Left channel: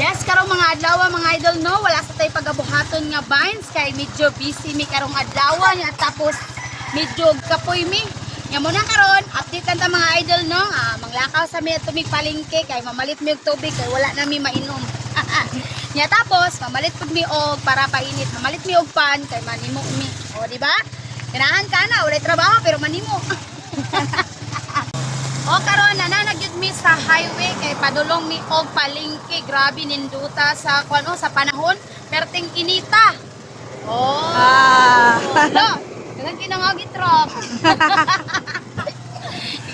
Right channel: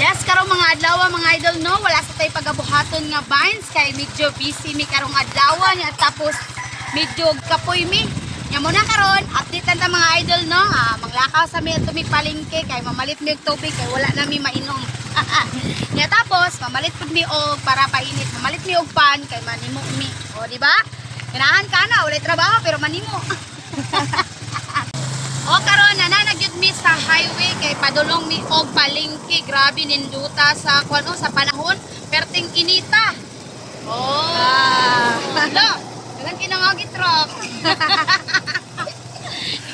Yes, karong mga adlaw mga idol no, wala sa tay pagabuhaton nga vines kay medyo busy mi karong adlaw nya tapos medyo kapoy mi. Nya mo na karon, update lang ta mga idol no. Manglakaw sa mi ato mi palengke kay mamalit mi og tubig kay wala na mi mainom. Nya tapos mamalit pud mi og para painit, mamalit mi og pan kay manimo mi. O di ba? Ganahan ka na, wala trabaho pero manimo. O karon na nagyud mi sa highway kay padulong mi og palengke. Grabe ninduta sa kuno sa panahon perting inita. Lo, dagan kinangagi truck.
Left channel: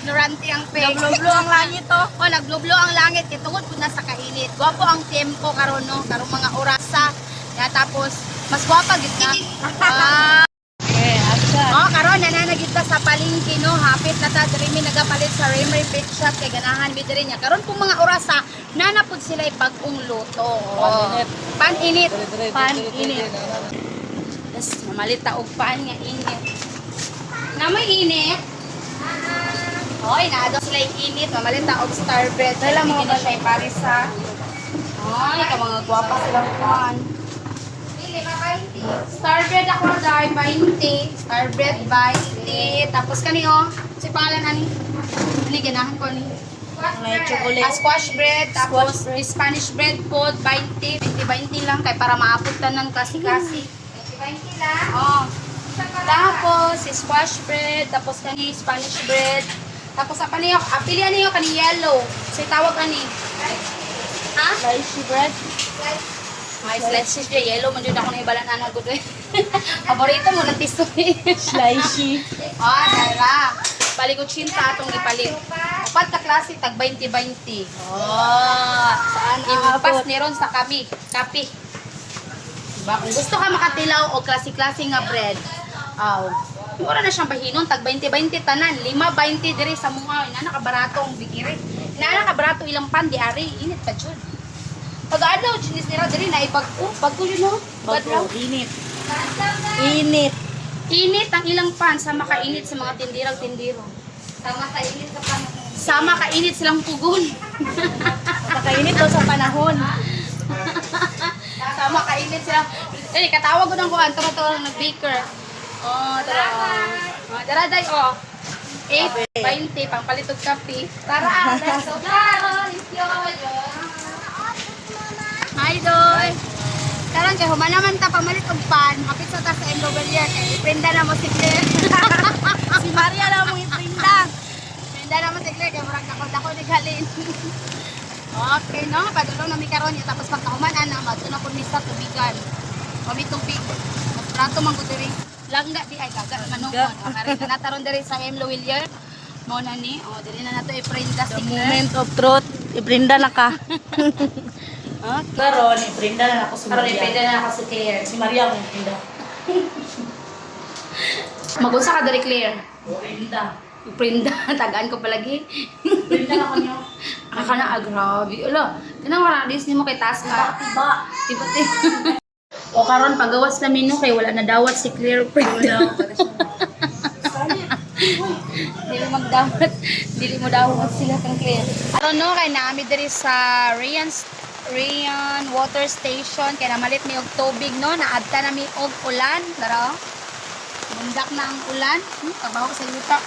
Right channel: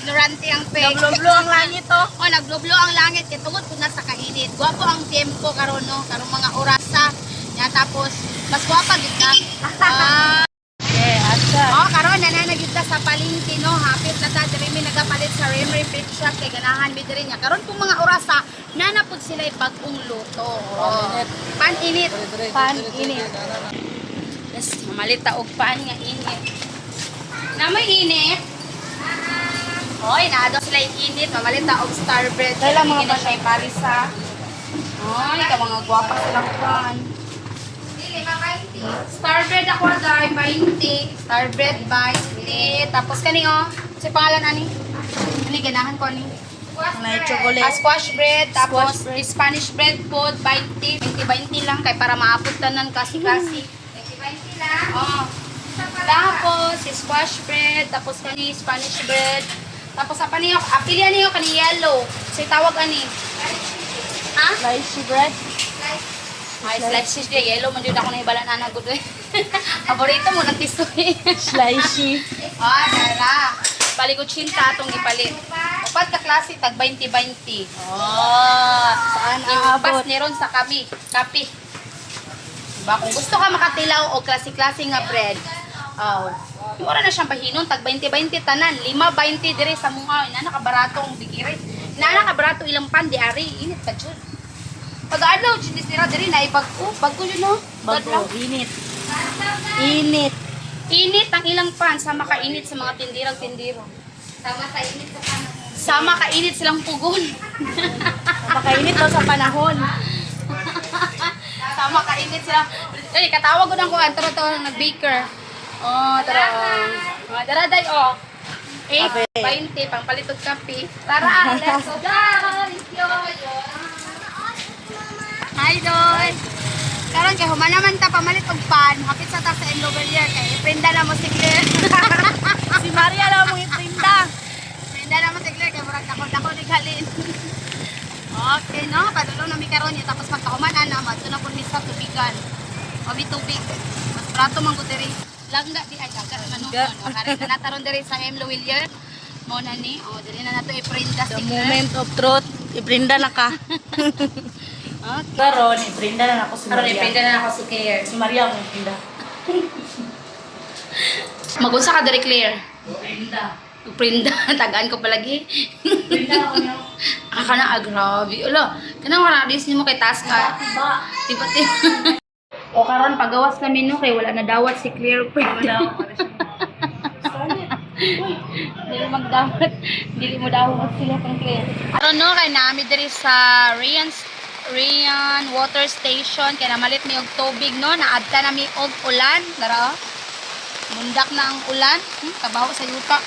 Ignorante ang pe. Naglublo ang langit to. Naglublo ang langit kay tungod pud na sa kainit. Gwapo ang tempo karon no, karong mga orasa. Ya tapos mas gwapa gid na. Karon nananagyud ta sa palengke no, hapit na ta diri mi nagapalit sa Remery Pizza kay ganahan mi diri nya. Karon pong mga orasa nanapod sila bag-ong luto. Pan-init. Pan-init. Yes, mamalit ta og pan nga init. Na may init. Hoy, naado sila init, mamalit ta og star bread. Kaya mga na siya parisa. Ay, ka mga gwapa silang pan. Star bread ako dai 20. Star bread 20. Tapos kani oh, si pangalan ani? Ni ganahan ko ni. May chocolate. Squash bread, tapos Spanish bread po 20. 20 lang kay para maapot tanan kasi-kasi. 20 lang. Oh. Tapos squash bread, tapos kani Spanish bread. Tapos apa niyo? Pilihan niyo kani yellow. So tawag ani? Ha? Slicey bread. Ay, slices dia yellow man jud ako na ibalan ana gud. Paborito mo ng tisoy. Slicey. Dala. Paligod cinta atong gipalit. Upat ka klase tag 20-20. Saan Impas aabot? ni ron sa kapi. Diba? Kung gusto ka makatilaw o klase-klase nga bread, mura na siyang pahinon, tag 20-20 tanan, 5-20 dire sa mga, inanakabarato ang bigiri. Inanakabarato ilang pan, di ari, init pa dyan. Pag-adlaw, chinis nila diri na bagko yun no? Bago, init. Init. Init ang ilang pan, sama kainit sa mga tindirang-tindiro. Sama kainit sa panahon. Sama kainit silang pugon. Napakainit daw sa panahon. Sama kainit sila. Katawag ko ng kuhan, taro-taro ng baker. Dara-day, 8-20, pangpalitog kape. Tara, let's go! Hi, Doy! Karon kay humanaman ta pamalit og pan, hapit sa ta sa Embrovelier kay iprinda na mo si Claire. Si Maria lang mong iprinda. Iprinda na mo si Claire kay murag ako ni Galin. Okay, no? Padulong na mi karon tapos pagkahuman ana madto na pud mi sa tubigan. Kami tubig. Mas prato man gud diri. Langga di ay kagat man no. Karon na taron diri sa Embrovelier. Mo na ni, dili na nato iprinda si The Claire. moment of truth. Iprinda na ka. Karon, iprinda na ako si Karon Maria. iprinda na ako si Claire. Si Maria ang iprinda. Magunsa ka diri Claire? Iprinda. Prinda, tagaan ko palagi. Iprinda na kami. Kana grabe. Ala, kanang wala dis nimo kay taas ka. Tiba. Tiba-tiba. O karon pagawas na menu kay wala na dawat si Claire Prinda. Dili magdawat. Dili mo dawat sila kang Claire. Karon no kay naami diri sa Rian Water Station kay namalit mi og tubig no, naadta na mi og ulan, dara. Mundak na ang ulan, kabaho sa yuta.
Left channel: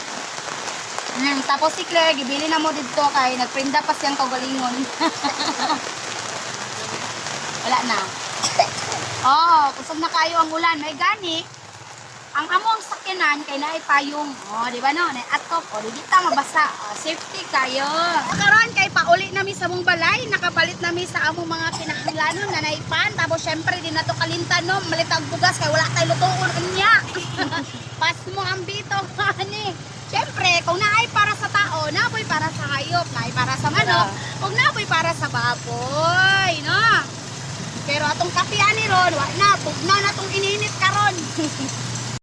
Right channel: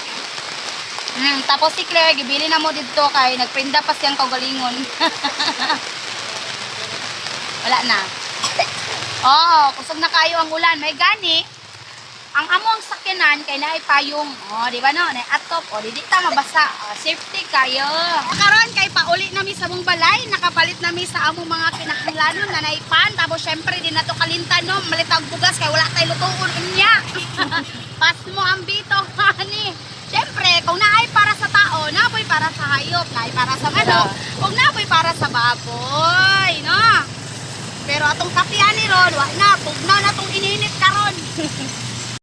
Tapos si Claire, gibili na mo dito kay nagprinda pa siyang kaugalingon. Wala na. Kusog na kayo ang ulan. May gani. Ang among sakyanan kay naay payong. Di ba no? Naay atop. Di ta mabasa. Safety kayo. Karon kay pauli nami sa mong balay. Nakapalit nami sa among mga kinahanglanon na naay pan. Tapos syempre di na to kalintan no. Malitag bugas kay wala tay lutuon unya. Pas mo ang bito ani. Siyempre, kung naay para sa tao, napoy para sa hayop, naay para sa manok, kung napoy para sa baboy, no? Pero atong kapian ni Ron, wala na, tugnaw na itong ininit karon.